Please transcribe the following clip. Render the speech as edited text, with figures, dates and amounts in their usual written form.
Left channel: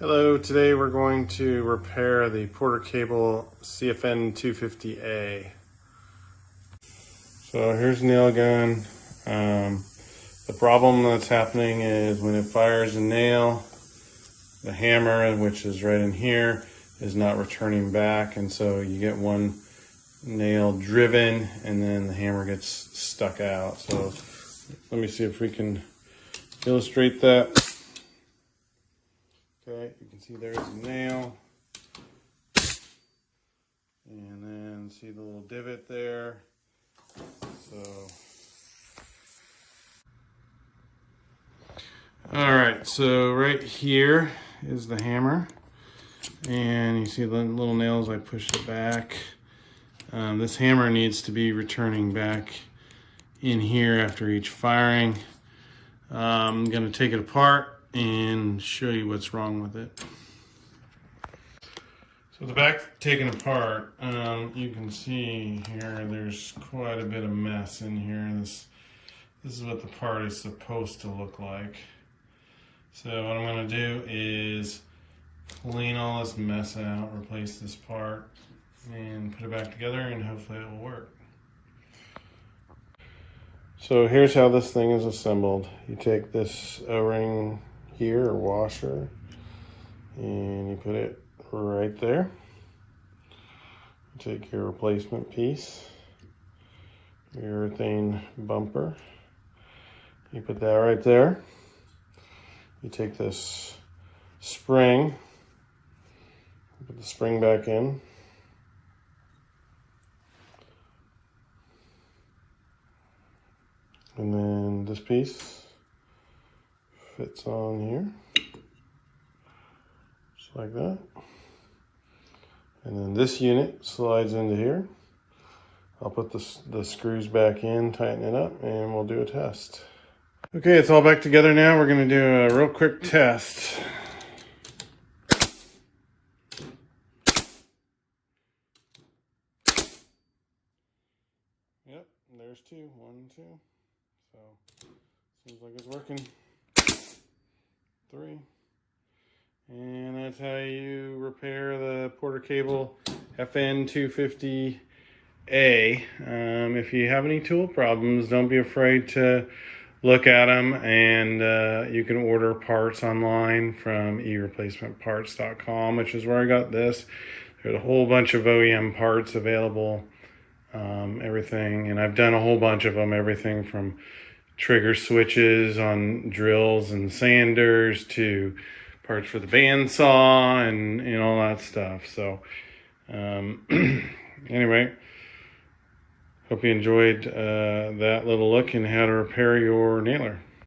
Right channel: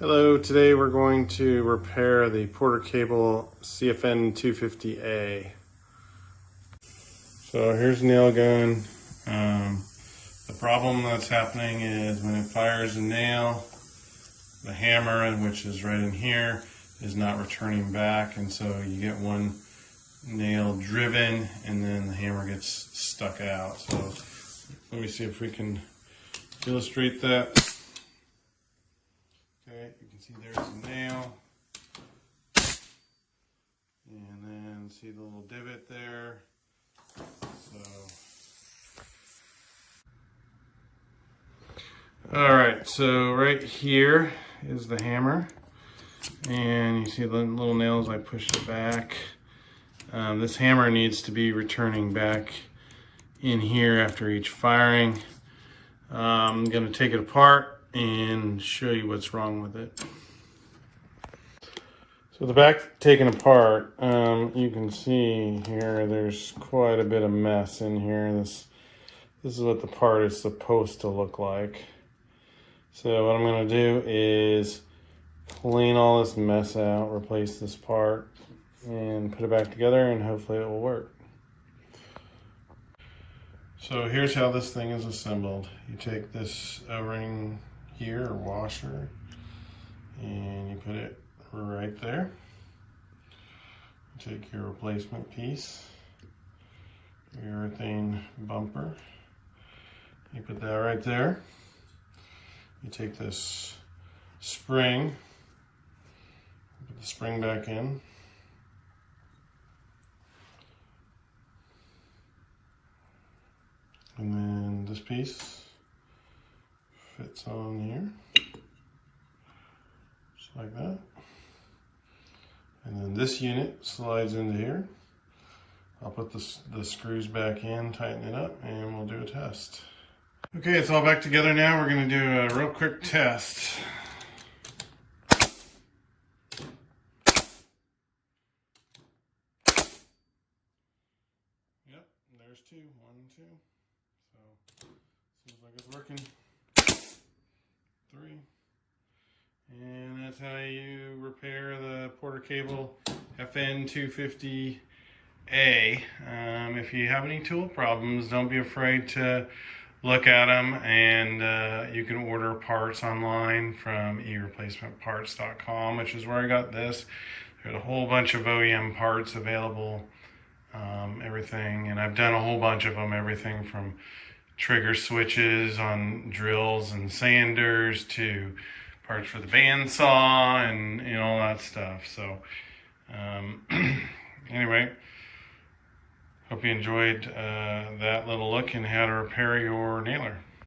Hello, today we're going to repair the Porter Cable CFN250A. So here's the nail gun. The problem that's happening is when it fires a nail, the hammer, which is right in here, is not returning back, and so you get one nail driven and then the hammer gets stuck out. So let me see if we can illustrate that. Okay, you can see there's a nail, and then see the little divot there. Alright, so right here is the hammer, and you see the little nails. I pushed it back. This hammer needs to be returning back in here after each firing. I'm going to take it apart and show you what's wrong with it. So the back taken apart, you can see here there's quite a bit of mess in here. This is what the part is supposed to look like. So what I'm going to do is clean all this mess out, replace this part, and put it back together, and hopefully it will work. So here's how this thing is assembled. You take this O-ring here, or washer, and you put it right there. You take your replacement piece, your urethane bumper, you put that right there. You take this spring, put the spring back in. And then this piece fits on here, just like that. And then this unit slides into here. I'll put the screws back in, tighten it up, and we'll do a test. Okay, it's all back together now. We're going to do a real quick test. Yep, there's two. 1 and 2. So, seems like it's working. 3. And that's how you repair the Porter Cable FN250A. If you have any tool problems, don't be afraid to look at them, and you can order parts online from ereplacementparts.com, which is where I got this. There's a whole bunch of OEM parts available, everything, and I've done a whole bunch of them, everything from trigger switches on drills and sanders to parts for the bandsaw and all that stuff. So anyway, hope you enjoyed that little look in how to repair your nailer.